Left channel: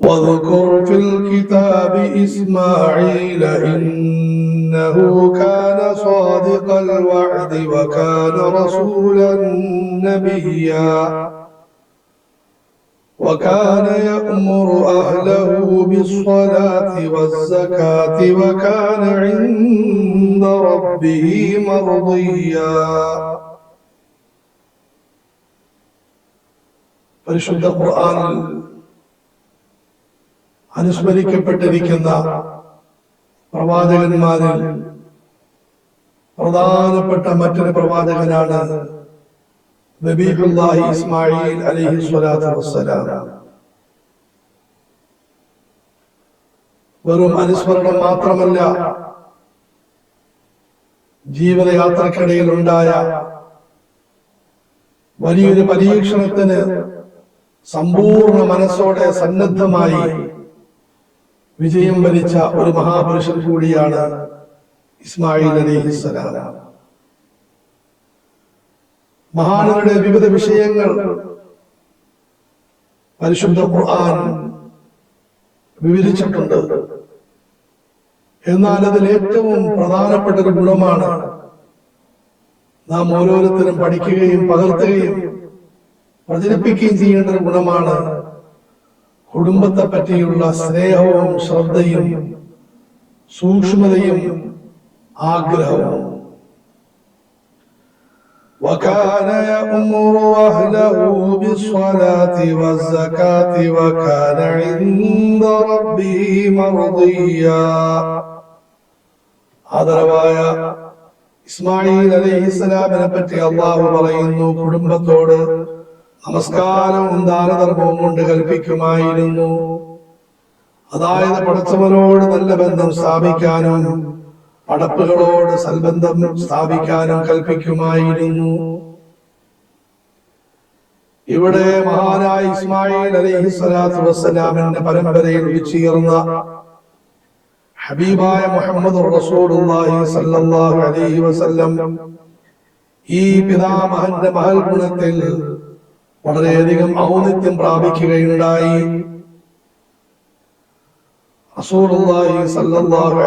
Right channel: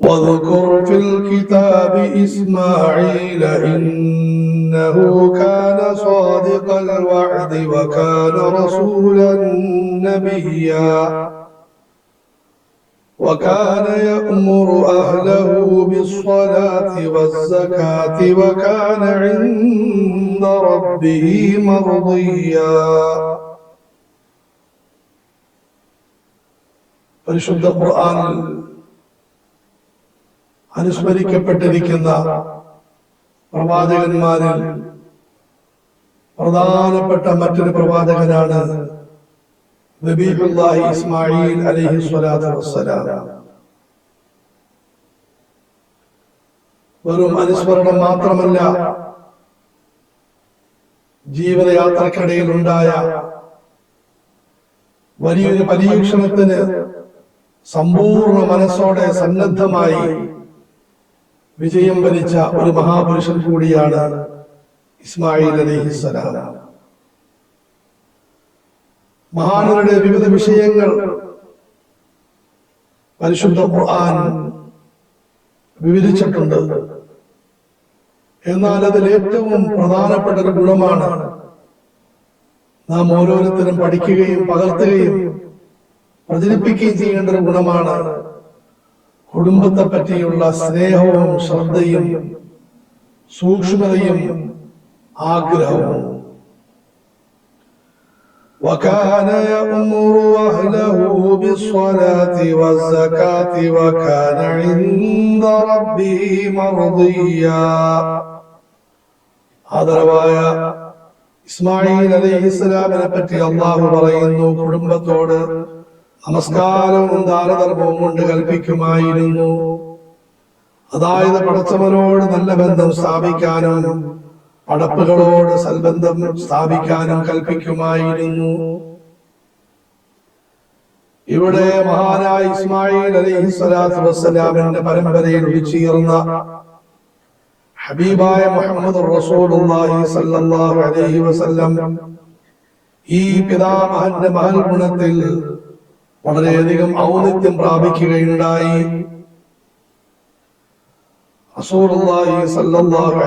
واذكر في الكتاب إسماعيل إنه كان صادق الوعد وكان رسولا نبيا وكان يأمر أهله بالصلاة والزكاة وكان عند ربه مرضيا പരിശുദ്ധ ഖുർആനിൽ അനുസ്മരിക്കപ്പെട്ടിരിക്കുന്ന പ്രവാചകന്മാരിൽ പ്രധാനപ്പെട്ട മറ്റൊരു പ്രവാചകനാണ് ഇസ്മായിൽ അലൈഹി വസ്സലാം. വെറും അനുസ്മരണം മാത്രമല്ല ജീവിതയാത്രക്കിടയിൽ ഉണ്ടായ വലിയൊരു പരീക്ഷണത്തിന് സമ്പൂർണ മനസ്സോടെ സന്നദ്ധമായി വിജയം വരിച്ച ഒരു മഹാപുരുഷൻ കൂടിയാണ് ഇസ്മായിൽ അലൈഹിസ്സലാം മഹാനരുടെ വിവിധ വിഷയങ്ങൾ പരിശുദ്ധ ഖുർആൻ വിവരിച്ചിട്ടുണ്ട്. എന്നാൽ അതിൽ ഏറ്റവും പ്രധാനപ്പെട്ട ഒരു ഗുണമാണ് നാം ഓരോരുത്തരും പഠിക്കുകയും പകർത്തുകയും പ്രചരിപ്പിക്കുകയും ചെയ്യേണ്ട ഒരു ഗുണമാണ് കുടുംബത്തെ പറ്റിയുള്ള സ്നേഹവും ശ്രദ്ധയും സൂക്ഷ്മതയും ആഗ്രഹവും وكان يأمر أهله بالصلاة والزكاة وكان عند ربه مرضيا ആദരവായ ഇസ്മായിൽ അലൈഹി ഇസ്ലാമിനെ പറ്റി അള്ളാഹു പറയുന്നു കുടുംബത്തോട് നമസ്കാരവും ദാനധർമ്മവും കൊണ്ട് കൽപ്പിക്കുമായിരുന്നു. അതായത് പടച്ചവനോട് നല്ല ബന്ധം സ്ഥാപിക്കാനും പടപ്പുകളോട് സൽബന്ധം സ്ഥാപിക്കാനും കൽപ്പിക്കുമായിരുന്നു. ഇവിടെ മഹാനായ ഇസ്മായിൽ അലൈഹി സ്വലാത്തു വസ്സലാമിന്റെ പരമ്പരയിൽ ഉദിച്ചുയർന്ന ഹബീബായ മുഹമ്മദ് റസൂലുള്ളാഹി അലൈഹി വസല്ലം ഈ പിതാമഹന്റെ മഹൽ ഗുണത്തിൽ വളരെയധികം ഔന്നിത്യം പ്രാപിക്കുകയുണ്ടായി.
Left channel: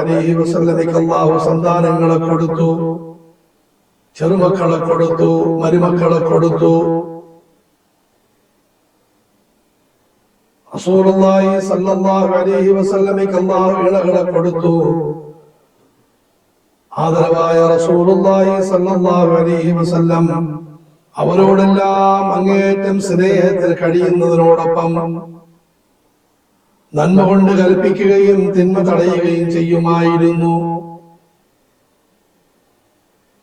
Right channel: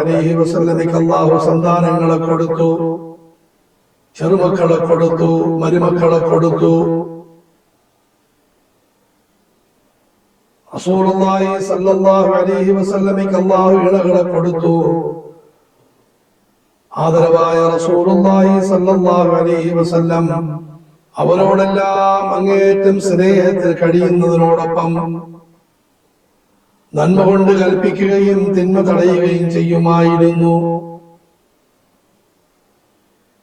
അലൈഹി വസല്ലമയ്ക്ക് അല്ലാഹു സന്താനങ്ങളെ കൊടുത്തു ചെറുമക്കളെ കൊടുത്തു മരുമക്കളെ കൊടുത്തു. റസൂലുള്ളാഹി സല്ലല്ലാഹു അലൈഹി വസല്ലമയ്ക്ക് അല്ലാഹു ഇണകളെ കൊടുത്തു. ആദരവായ റസൂലുള്ളാഹി സല്ലല്ലാഹു അലൈഹി വസല്ലം അവരോടെല്ലാം അങ്ങേയറ്റം സ്നേഹത്തിൽ കഴിയുന്നതിനോടൊപ്പം നന്മ കൊണ്ട് കൽപ്പിക്കുകയും തിന്മ തടയുകയും ചെയ്യുമായിരുന്നു.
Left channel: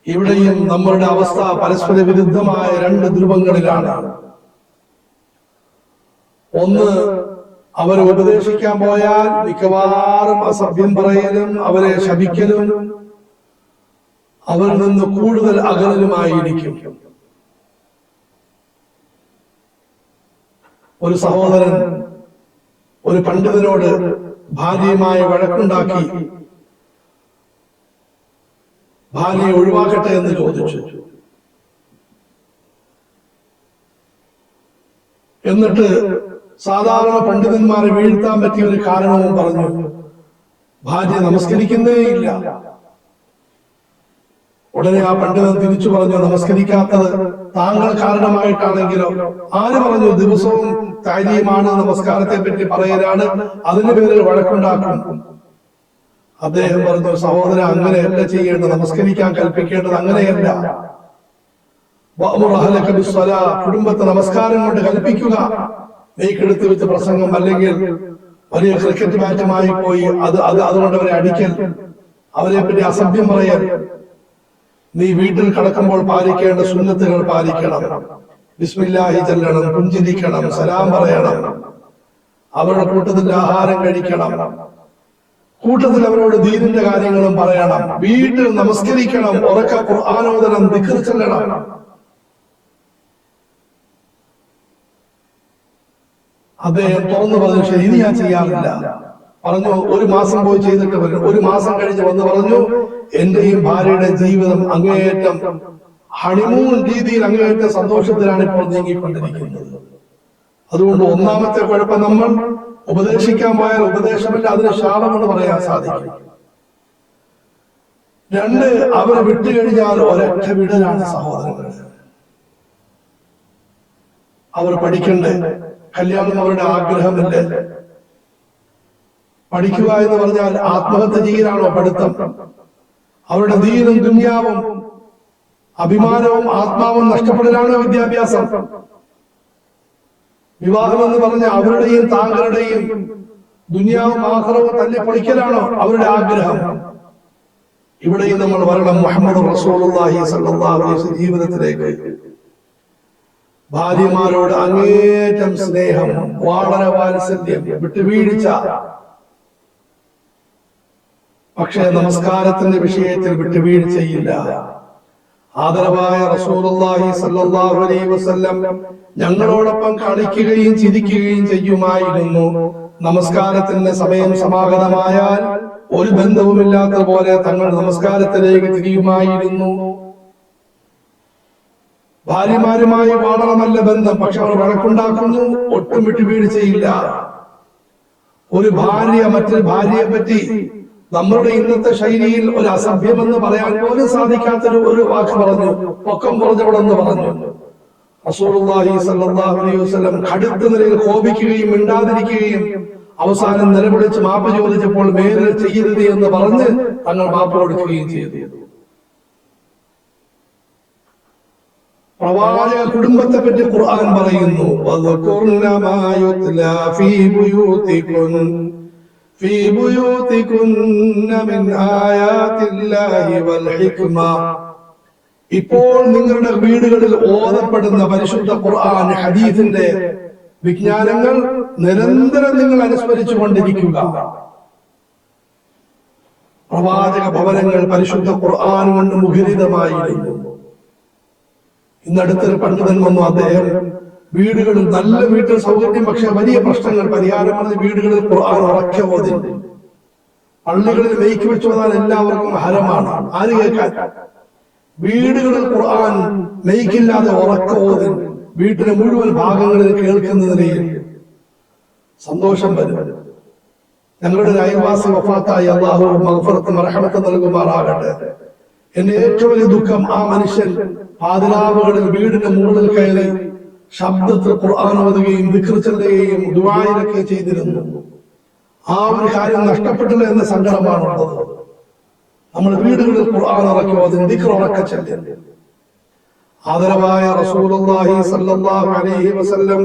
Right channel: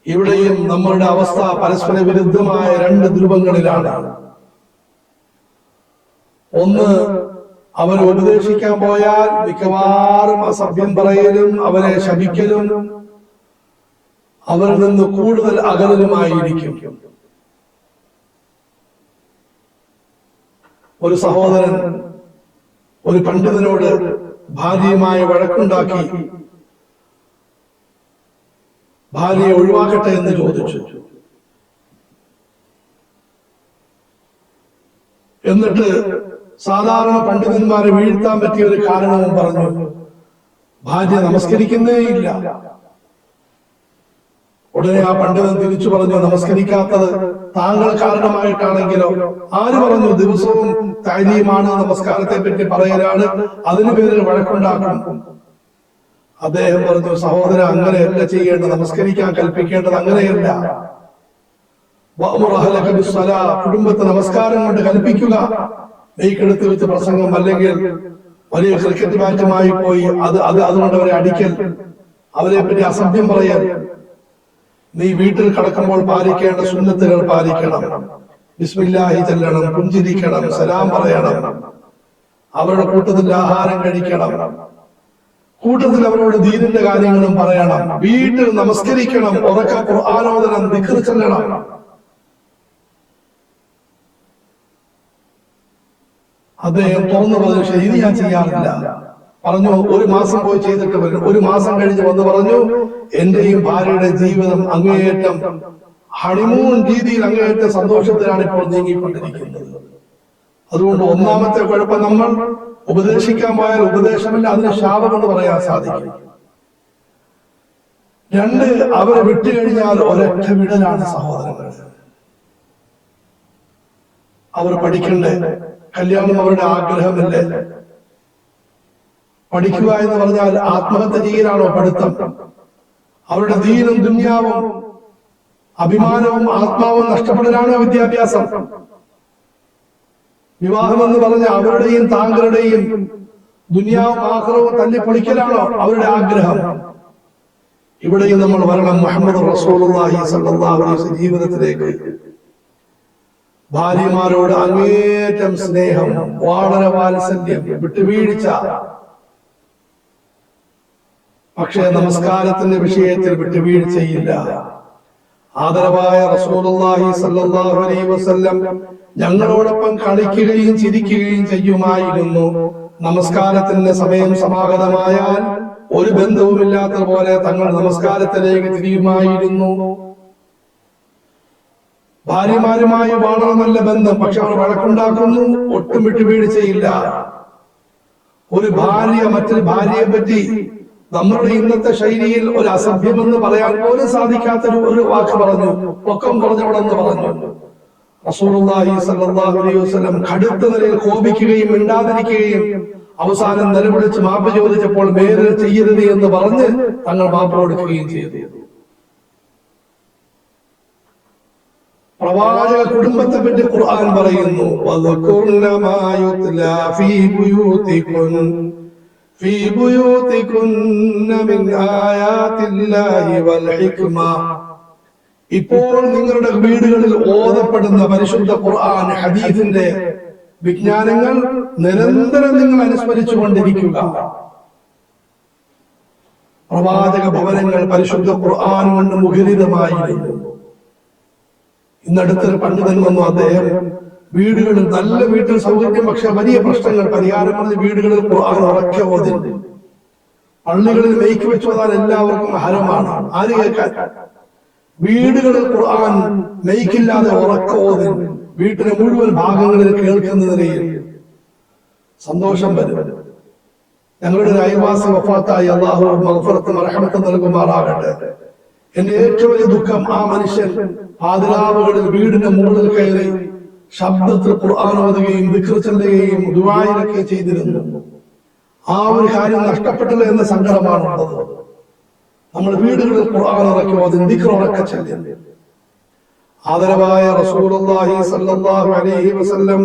ഇവിടെയും നമ്മളുടെ അവസ്ഥ പരസ്പര വിരുദ്ധമായ രണ്ട് ധ്രുവങ്ങളിലാണ്. ഒന്ന് അവരെ ഉപദേശിക്കാൻ പോയാൽ മിക്കവാറും അസഭ്യം പറയലും അവരെ ശപിക്കലും അവരിൽ നിന്ന് കൂടുതൽ അകലലുമായിരിക്കും ഒരു സഹോദരൻ ഒരു പണ്ഡിതനോട് ഭാര്യയുമായ വഴക്കുണ്ടാക്കി ഭാര്യയെ ഒഴിവാക്കട്ടെ എന്ന് ചോദിച്ചു. എന്നിട്ട് സാധാരണ പണ്ഡിതന്മാരെ വീഴ്ത്താൻ പറ്റിയ ഒരു കാരണവും പറഞ്ഞു. ഭാര്യ നമസ്കരിക്കുന്നേ ഇല്ല ഉടനെ ആ പണ്ഡിതൻ തിരിച്ചു പറഞ്ഞു നമസ്കരിക്കാത്തത് താങ്കൾ കാരണമായിട്ടാണെങ്കിലോ? ആര് പറഞ്ഞു ദിവസവും താരീമാണ് നമസ്കാരത്തെ പറ്റി പറയലാണ് അതിന് പേരിൽ വഴക്കുണ്ടാക്കും. അദ്ദേഹം പറഞ്ഞു സഹോദരൻ അങ്ങനെയല്ല ചെയ്യേണ്ടത് നമസ്കരിക്കാൻ കൽപ്പിക്കേണ്ടത് അങ്ങനെയല്ല. കുടുംബത്തെ നമസ്കാരം കൊണ്ട് കൽപ്പിക്കുക. നെയ്ക്കെടുത്ത് വെച്ച് പ്രസംഗം അല്ലെങ്കിൽ വലിയ ക്രിക്കറ്റ് മാറ്റമായി പോയി അത് അത് അതുകൊണ്ട് അവരെ അടിക്കൽ അവരെ പറ്റി അസഭ്യം പറയൽ. നീ വീട്ടിൽ കിടക്കുമ്പോൾ പാലിക്കേണ്ട സുന്നത്തുകൾ പാലിക്കണം. ബിസ്മില്ലാഹി ചെല്ലണം പുഞ്ചിരിക്കണം സലാം പറയണം. അവരുടെ കൂട്ടത്തിൽ ആഹാരം കഴിക്കണം. കൂട്ടത്തിൽ അവരോട് ദീനിന്റെ കാര്യങ്ങളും പറയണം. വീട്ടിൽ നമസ്കരിക്കണം ഉറക്ക ഖുർആാനോദനം ദിക്ർ ചെല്ലണം. അദ്ദേഹം തുറന്നു പറഞ്ഞ ശരി ഞാൻ ചെയ്യാറില്ല. പറഞ്ഞു ഒരു മാസം പോയി ചെയ്തിട്ട് വരും. ഒരു മാസം കഴിഞ്ഞ് വന്ന് പറഞ്ഞു എന്റെയും ഭാര്യയുടെ ജീവിതം അങ്ങേയറ്റം ഹണിമൂൺ രീതിയിൽ അങ്ങേയറ്റം സന്തോഷത്തിലാണ് ഇപ്പോൾ നീങ്ങിക്കൊണ്ടിരിക്കുന്നത്. അതുകൊണ്ട് ഒന്നാമത്തെ കുഴപ്പം നമ്മൾ ഉപദേശിക്കാൻ പോയാൽ ഉപദേശമില്ല അതിന് ശാപമെന്ന് പറയാൻ സാധിക്കും. രണ്ട് അവരെ വിട്ടുകഴിഞ്ഞാൽ ഒരൊറ്റ വിടലാണ് സഹോദരങ്ങൾ. അവർ പഠിക്കണ്ടേ? കല്യാണം അവരുടെ ആഗ്രഹമില്ലേ? പഠിക്കുക എന്ന് പറഞ്ഞാൽ ആത്മഹത്യ ചെയ്യലാണോ പഠിത്തം? അവരുടെ ദീനും ദുന്യാവും അഭിമാനവും ആത്മാവും നഷ്ടപ്പെടലാണ് വിദ്യാഭ്യാസം? വിവാഹം എന്ന് പറഞ്ഞ അവരുടെയും താങ്കളുടെയും ദുനിയാവും ആഹ്റവും തല്ലി പൊളിക്കലാണോ അവരുടെ ആഗ്രഹം? ഇവിടെയും നമ്മൾ വരണം മുഹമ്മദ് ജീവിതത്തിലേക്ക്. ഭാര്യമാരോട് അങ്ങേറ്റം സ്നേഹം വളരെ വാത്സല്യം വിട്ടുവീഴ്ച. പക്ഷേ നമസ്കാരത്തിന്റെ വിഷയത്തിൽ വിട്ടുവീഴ്ചയില്ല. ആദരവായ റസൂലുള്ളാഹി അലൈഹി വസല്ലം ഞങ്ങളോടൊപ്പം കളിക്കുകയും ചിരിക്കുകയും ചെയ്യുമായിരുന്നു. നമസ്കാരത്തിന്റെ സമയം സമാഗതമായാൽ ഒരു ബന്ധവുമില്ലാത്ത പോലെ തങ്ങൾ നമസ്കാരത്തിലേക്ക് തിരിയുമായിരുന്നു. ഭാര്യമാരുമായി വാടണമല്ല ബന്ധം പക്ഷെ അവർ വഴക്കുണ്ടാക്കുന്നു ഒട്ടും വിട്ടുവീഴ്ചയില്ല. ഒരു ഭാര്യ മറ്റൊരു ഭാര്യയെ പറ്റി നമ്മളുടെ ഇന്നത്തെ ശൈലിയിൽ ഒരു അസഭ്യമെന്ന് പറയാൻ പോലും സാധിക്കാത്തൊരു ഒരു വാക്ക് പറഞ്ഞു. പൊക്കം കുറഞ്ഞവളെന്ന് പറഞ്ഞു. റസൂലുള്ളാഹി സല്ലല്ലാഹു അലൈഹി വസല്ലം കടുത്ത നിലയിൽ കോപിക്കുകയും മിണ്ടാതിരിക്കുകയും അവസാനം നിലവിളിച്ച് മാപ്പ് ചോദിച്ചപ്പോൾ വേറെ ചെയ്യരുത് എന്ന് പറഞ്ഞ് തങ്ങൾ മാപ്പ് കൊടുക്കുകയും ചെയ്തു. പ്രവാചക കുടുംബത്തെ പറ്റി ഖുർആൻ പറയുന്നു വദകുർന بيوتكن من ഫീ الله والحكمة ഇപ്പോൾ നിങ്ങളുടെ വീടുകളിൽ ഓതപ്പെടുന്ന പരിശുദ്ധ ഖുർആൻ ഹദീഫിന്റെ വിജ്ഞാനങ്ങൾ നിരന്തരം നിങ്ങൾ അനുസ്മരിച്ചു കൊണ്ടിരിക്കുക പ്രവാചക ഭവനങ്ങൾ പരിശുദ്ധ ഖുർആൻ കൊണ്ട് മുഖരിതമായിരുന്നു. ഇന്നടുത്തൊരു പണ്ഡിതൻ വന്നു അദ്ദേഹം വീടുകളിൽ നല്ല വീട്ടിൽ സൗകര്യം പക്ഷെ വലിയ പ്രശ്നങ്ങൾ പരിഹാരമാണ് വീടുകളിൽ ഖുർആൻ ഉറക്കെ ഓതി പള്ളികളിൽ മെയ്ക്ക് വെച്ചോതാൻ എല്ലാവർക്കും ഹരമാണ്. ആര് കേൾക്കാൻ? വീടുകളിൽ ഖുർആൻ ലയിക്കില്ലാതെ ഉറക്കെ വീട്ടിലെ മുഴുവൻ ഭാഗങ്ങളിൽ കേൾക്കുന്ന നിലയിൽ സന്തോഷം വരും. ഞങ്ങളുടെ അയൽവാസി വഫാത്തായി അള്ളാഹു മഹഫറത്തും റഹമത്തും നൽകുമാറാകട്ടെ. എന്റെ ഏറ്റവും വലിയ ദുഃഖം ആ മനുഷ്യൻ പാതിരാവുകളിൽ വീടിന്റെ മുകളിൽ കയറി ശബ്ദത്തിൽ ഓതുകയും ദിക്ർ ചെല്ലുകയും ചെയ്തിരുന്നു. ആ ഒരു കാര്യം നഷ്ടപ്പെട്ടില്ല എന്ന സങ്കടമാണുള്ളത് നമ്മൾ വീടുകളിൽ ഖുർആൻ ഇറക്കി അതിന് ദിക്ർ ചെയ്തിരുന്നു. ആദരവായ റസൂലുള്ളാഹി അലൈഹി വസല്ലം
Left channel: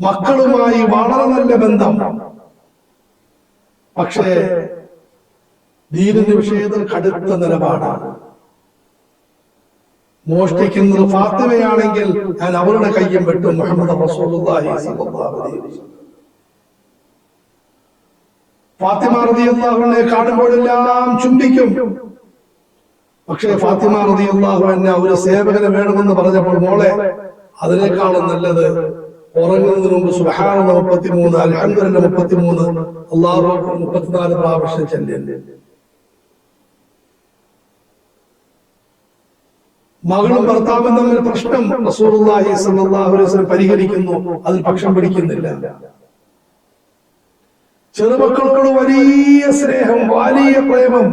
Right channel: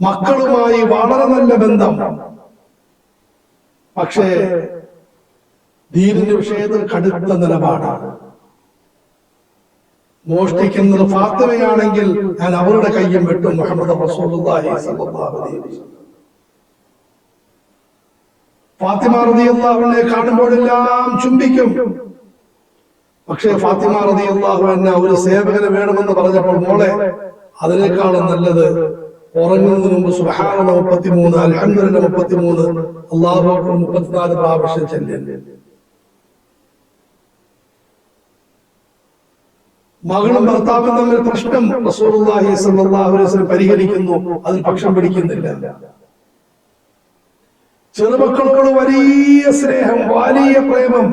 മക്കളുമായി വളരെ നല്ല ബന്ധം. പക്ഷേ ദീനിന്റെ വിഷയത്തിൽ കടുത്ത നിലപാടാണ്. മോഷ്ടിക്കുന്നത് ഫാത്തിമയാണെങ്കിൽ ഞാൻ അവരുടെ കയ്യം വെട്ടും മുഹമ്മദ് ഫാത്തിമ റളിയല്ലാഹുവിനെ കാണുമ്പോഴെല്ലാം ചുംബിക്കും. പക്ഷേ ഫാത്തിമ റളിയല്ലാഹു അൻഹ ഒരു സേവകന് വേണമെന്ന് പറഞ്ഞപ്പോൾ മോളെ അതിനേക്കാളും നല്ലത് ഉറങ്ങുന്നതിന് മുമ്പ് സുഹാന മുപ്പത്തിമൂന്ന് അലഹന്ദ്രന്റെ മുപ്പത്തിമൂന്ന് അക്ബർ മുപ്പത്തിനാല് പ്രാവശ്യം ചെല്ലുന്നു മകളും ഭർത്താവും തമ്മിൽ പ്രശ്നം റസൂലുള്ളാഹി സ്വല്ലല്ലാഹു അലൈഹി വസല്ലം പരിഹരിക്കുന്നു. അതിൽ പക്ഷം പിടിക്കുന്നില്ല. ചെറുമക്കളോട് വലിയ സ്നേഹം വലിയ പ്രേമം.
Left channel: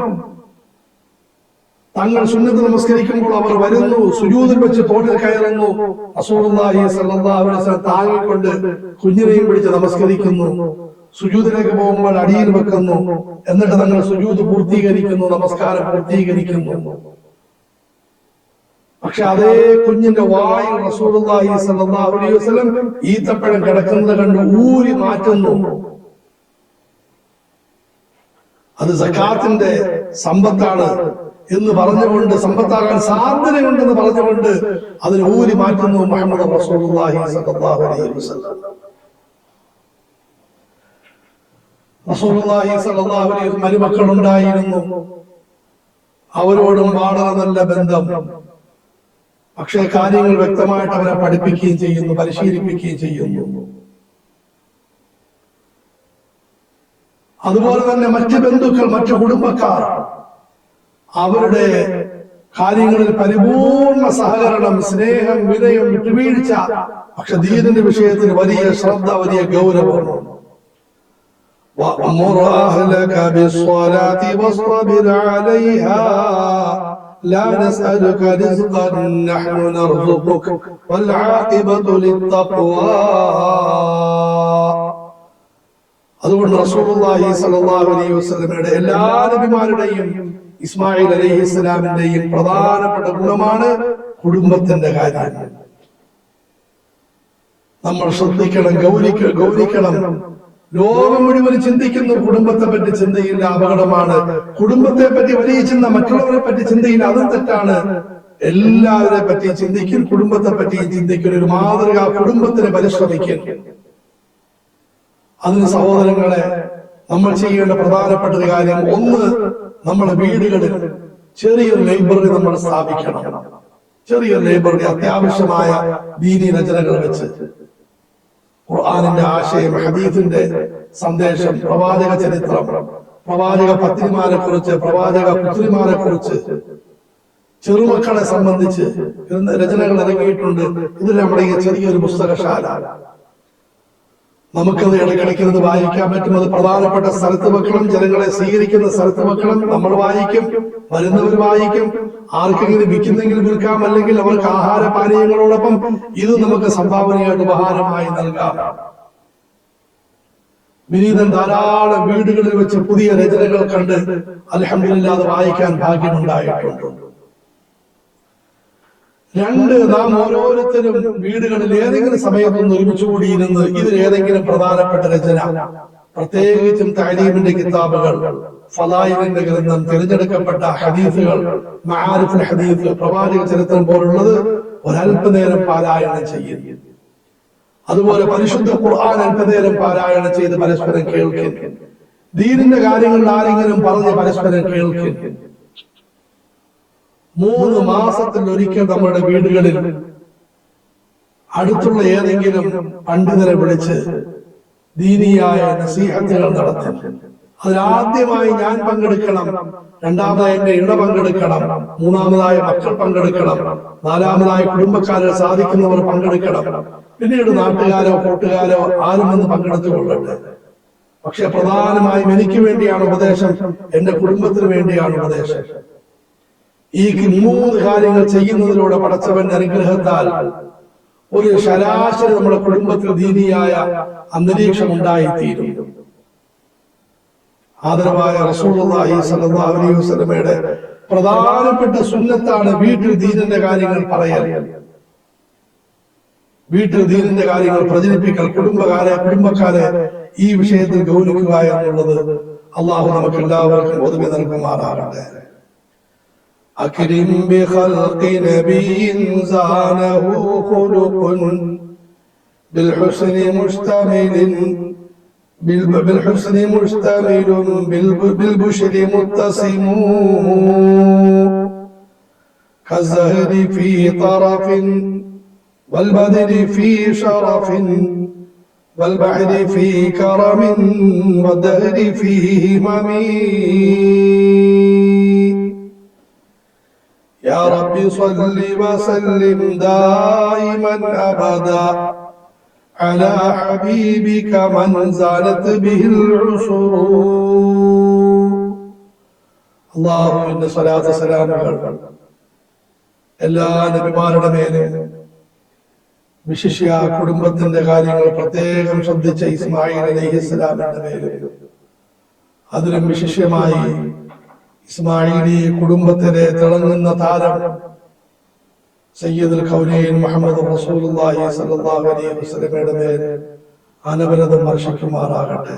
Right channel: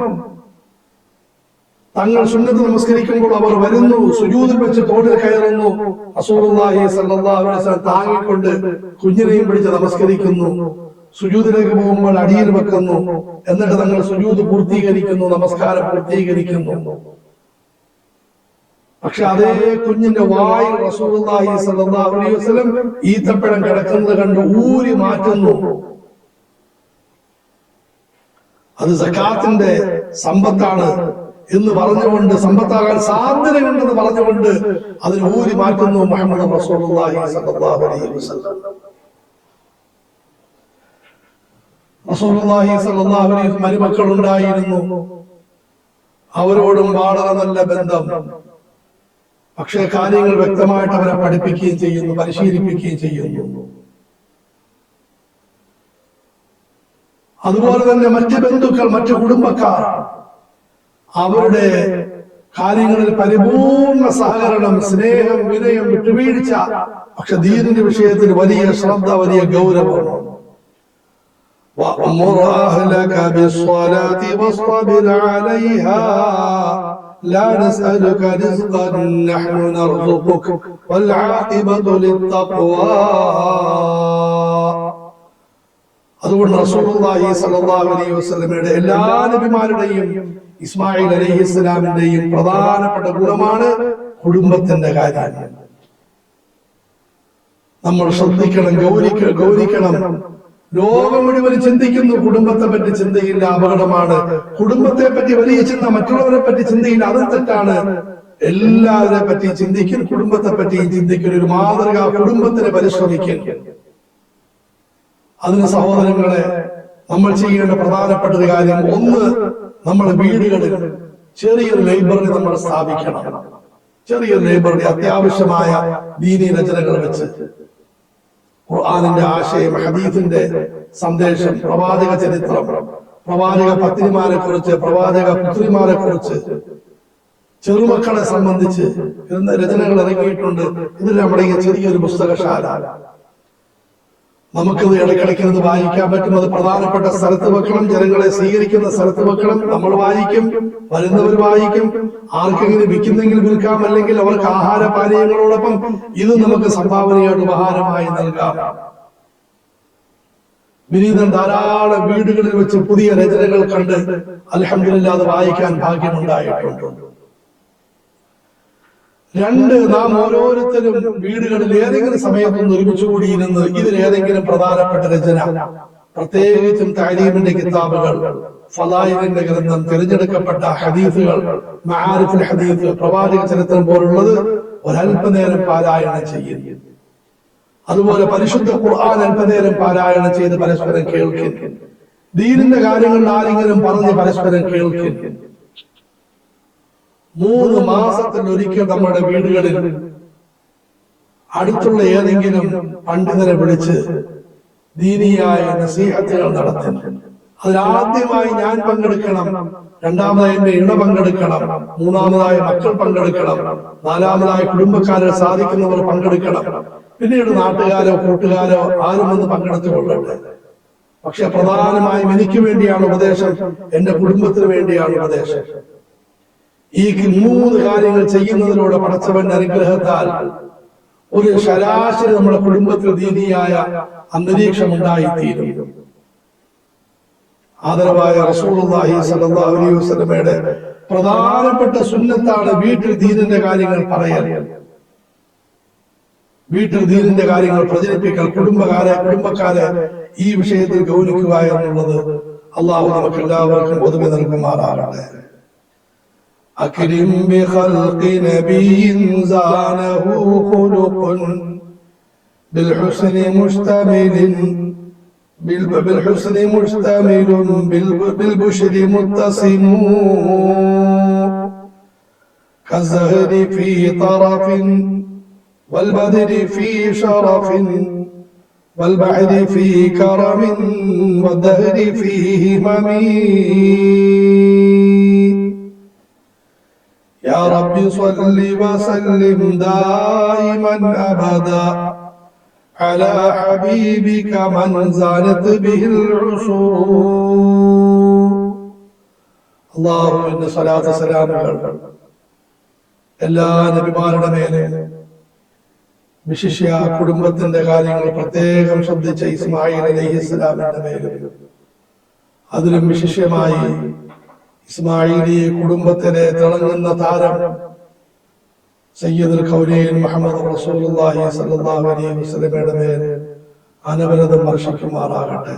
തങ്ങൾ സുന്നത്ത് നമസ്കരിക്കുമ്പോൾ അവർ വരുന്നു സുജൂദിൽ വെച്ച് തോട്ടിൽ കയറുന്നു. റസൂലുള്ളാഹി സ്വല്ലല്ലാഹു അലൈഹി വസല്ലം താങ്ങിക്കൊണ്ട് കുഞ്ഞിനെയും പിടിച്ച് നമസ്കരിക്കുന്നു. സുജൂതിലേക്ക് പോകുമ്പോൾ അടിയിൽ വെക്കുന്നു. എന്നിട്ട് തങ്ങൾ സുജൂത് പൂർത്തീകരിക്കുന്നു നമസ്കാരം പൂർത്തീകരിക്കുന്നു. പക്ഷെ അതേ കുഞ്ഞിന്റെ വായിൽ സ്വല്ലല്ലാഹു അലൈഹി വസല്ലം ഈത്തപ്പഴം കിടക്കുന്നത് കണ്ട് ഊരി മാറ്റുന്നു. അത് സക്കാത്തിന്റെ സമ്പത്താണ് എന്ന് പറഞ്ഞുകൊണ്ട് സമ്പത്താകാൻ സാധ്യതയുണ്ടെന്ന് പറഞ്ഞുകൊണ്ട് അതിന് ഊരി മാറ്റുന്നു മുഹമ്മദ് റസൂലുള്ളാഹി അലൈഹി വസല്ലം. അലൈഹി മരുമക്കൾ ഉണ്ടായിരുന്നു അവരോടും വളരെ നല്ല ബന്ധം. പക്ഷേ കാര്യങ്ങൾ വ്യക്തമായിട്ട് അവരെ പഠിപ്പിക്കുകയും ചെയ്യുന്നു പരിശീലിപ്പിക്കുകയും ചെയ്യുന്നു. അതുപോലെ തന്നെ മറ്റ് ബന്ധുക്കൾ മറ്റു കുടുംബക്കാർ അവരുടെ കാര്യങ്ങളിൽ പരിപൂർണ സഹകരണം സ്നേഹം വിനയം വിട്ടുവീഴ്ച പക്ഷെ ദീനിന്റെ വിഷയത്തിൽ വലിയ ശ്രദ്ധ വലിയ ഗൗരവം وأمر أهلك بالصلاة واصطبر عليها لا نسألك رزقا نحن نرزقك والعاقبة للتقوى അതുകൊണ്ട് റസൂലുള്ളാഹി സ്വല്ലല്ലാഹു അലൈഹി വസല്ലമയുടെ എല്ലാ നബിമാരുടെയും ഇസ്മായിൽ അലൈഹി ഇസ്ലാമിന്റെയും പ്രധാനപ്പെട്ട ഗുണമാണ് കുടുംബത്തിന്റെ കാര്യം നമ്മൾ ശ്രദ്ധിക്കണം ഗൗരിക്ക ഗൗരിക്കണം ലോകം മുഴുവൻ ചിന്തിക്കുന്നു. കുടുംബത്തെ പറ്റി ചിന്തയില്ല. അപകടമാണ്. കുടുംബത്തെ പറ്റി വലിയ ചിന്ത മറ്റുള്ളവരെ പറ്റി ചിന്തയില്ല. അതും തെറ്റാണ്. എല്ലാവരെ പറ്റി ചിന്തിക്കും. കുടുംബത്തെ പറ്റി ചിന്തിക്കും. ഒരു മാതൃക കുടുംബത്തിന് പരിശ്രമിക്കും. അതിന് സഹോദരങ്ങളെ നമ്മൾ ചെയ്യേണ്ട പ്രധാനപ്പെട്ട ഒരു കാര്യം. ഒന്ന് നമ്മൾ വീടുകളിൽ ചെറിയൊരു ലൈബ്രറി നമ്മൾ സ്ഥാപിക്കണം. ചെറിയൊരു ലൈബ്രറി അത്യാവശ്യമായ ദീനി രചനകൾ വെച്ച്. ഖുർആാനിന്റെ ആശയം ഹദീഫിന്റെ സന്ദേശം പ്രവാചക ചരിത്രം പ്രവാചക പത്നിമാരെ കുറിച്ച് പ്രവാചക പുത്രിമാരെ കുറിച്ച് ചെറുമക്കളെ സംബന്ധിച്ച് രചനകൾ ഇറങ്ങിയിട്ടുണ്ട്. ഇതിൽ നമ്മുടെ ചെറിയൊരു പുസ്തകശാല. നമുക്കത് ഇടയ്ക്കിടയ്ക്കത് വായിക്കാൻ പറ്റും അത് പ്രധാനപ്പെട്ട സ്ഥലത്ത് വെക്കണം ജനങ്ങളെ സ്വീകരിക്കുന്ന സ്ഥലത്ത് വെക്കണം നമ്മൾ വായിക്കും വരുന്നവർ വായിക്കും. ആർക്കെങ്കിലും വിൽക്കുന്നെങ്കിൽ വിൽക്കാം അല്ലെങ്കിൽ അവർക്ക് ആഹാര പാനീയങ്ങളോടൊപ്പം ഇത് നമുക്ക് സംഭാവനയായിട്ട് ഉപഹാരമായി നൽകാം. വിനീതൻ ധാരാളം വീടുകളിൽ വെച്ച് പുതിയ രചനകൾ കണ്ട് അലഹമില്ലാതെ വായിക്കാൻ ഭാഗ്യമുണ്ടായിട്ടുണ്ട്. രണ്ട് നാം ഓരോരുത്തരും വീടുകളിൽ ഏതെങ്കിലും സമയത്തൊന്ന് ഒരുമിച്ച് ഇതിൽ ഏതെങ്കിലും പ്രധാനപ്പെട്ട രചന. പ്രത്യേകിച്ചും താലീമിന്റെ കിതാബുകൾ ഫലായിലിന്റെ ഗ്രന്ഥം തിരഞ്ഞെടുക്കപ്പെട്ട ഹദീസുകൾ മഹാരിഫുൽ ഹദീസ് പ്രവാചക ചരിത്രം പോലുള്ളത് ഒരല്പനേരം പാരായണം ചെയ്യുന്നു അതുപോലെ പരിശുദ്ധ ഖുർആൻ അല്പനേരം പാരായണം ചെയ്ത് പരസ്പരം കേൾക്കും. ദീനിന്റെ കാര്യങ്ങളിൽ ആരെങ്കിലും പറഞ്ഞ് പരസ്പരം കേൾക്കും. മൂന്ന് മാസത്തിൽ ഒരിക്കൽ നമ്മുടെ വീടുകളിൽ അടുത്തുള്ള ഏതെങ്കിലും പണ്ഡിതരെ വിളിച്ച് ദീനിയായ നസീഹത്തുകൾ നടത്തും. അതിലാദ്യമായി ഞാൻ പങ്കെടുക്കണം രണ്ടാമതായി എന്റെ ഇണ പങ്കെടുക്കണം മൂന്നാമതായി മക്കൾ പങ്കെടുക്കണം നാലാമതായി കുടുംബക്കാരെ സാധിക്കുന്നവർ പങ്കെടുക്കണം. പിന്നീട് നാട്ടുകാരോ കൂട്ടുകാരോ ആരും വന്ന് പങ്കെടുത്തു കൊള്ളട്ടെ പക്ഷെ പ്രധാനമായും എനിക്ക് വേണ്ടിയാണ് ഉപദേശം എന്റെ കുടുംബത്തിന് വേണ്ടിയാണ് ഉപദേശം. ഈ മൂന്ന് കാര്യങ്ങൾ ചെയ്യുന്നതിലൂടെ പടച്ചവന്റെ അനുഗ്രഹത്താൽ ഒരു ശരാശരി നമ്മുടെ കുടുംബത്തിൽ ദീനിയായ അന്തരീക്ഷം ഉണ്ടായിത്തീരും. ആദരവായ റസൂലുള്ളാഹി സ്വല്ലല്ലാഹു അലൈഹി വസല്ലമയുടെ പ്രധാനപ്പെട്ട സുന്നത്താണ് വീട്ടിൽ ദീനിന്റെ കാര്യങ്ങൾ പറയൽ. വീട്ടിൽ ദീനിന്റെ കാര്യങ്ങൾ പ്രചരിപ്പിക്കൽ കുടുംബകാരെ കുടുംബക്കാരെ ഈ വിഷയത്തിൽ ഗൗനിക്കുക എന്നുള്ളത് അള്ളാഹു നമുക്ക് എല്ലാവർക്കും ഒതുമി നൽകുമാറാകട്ടെ. أكرم بخلق نبي زانه خلق بالحسن مشتمل بال- بالحسن مشتمل بال- بالبشر متسم كالزهر في طرف والبدر في شرف والبعد في كرم والدهر فيه همين رب صل وسلم دائما ابدا على حبيبك من زالت به العصور اللهم ان صلاه سلامك എല്ലാ നബിമാരുടെ മേലെ വിശിഷ്യ കുടുംബത്തിന്റെ കാര്യങ്ങൾ പ്രത്യേകം ശ്രദ്ധിച്ച ഇസ്മായിൽ അലൈഹി ഇസ്ലാമിന്റെ മേലെ അതിലും വിശിഷ്യമായി ഇസ്മായിലി കുടുംബത്തിലെ തിളങ്ങുന്ന താരം സയ്യിദുൽ ഖൗലൈൻ മുഹമ്മദ് റസൂലുള്ളാഹി സ്വല്ലല്ലാഹു അലൈഹി വസല്ലമയുടെ മേൽ അനവരതം വർഷിക്കുമാറാകട്ടെ.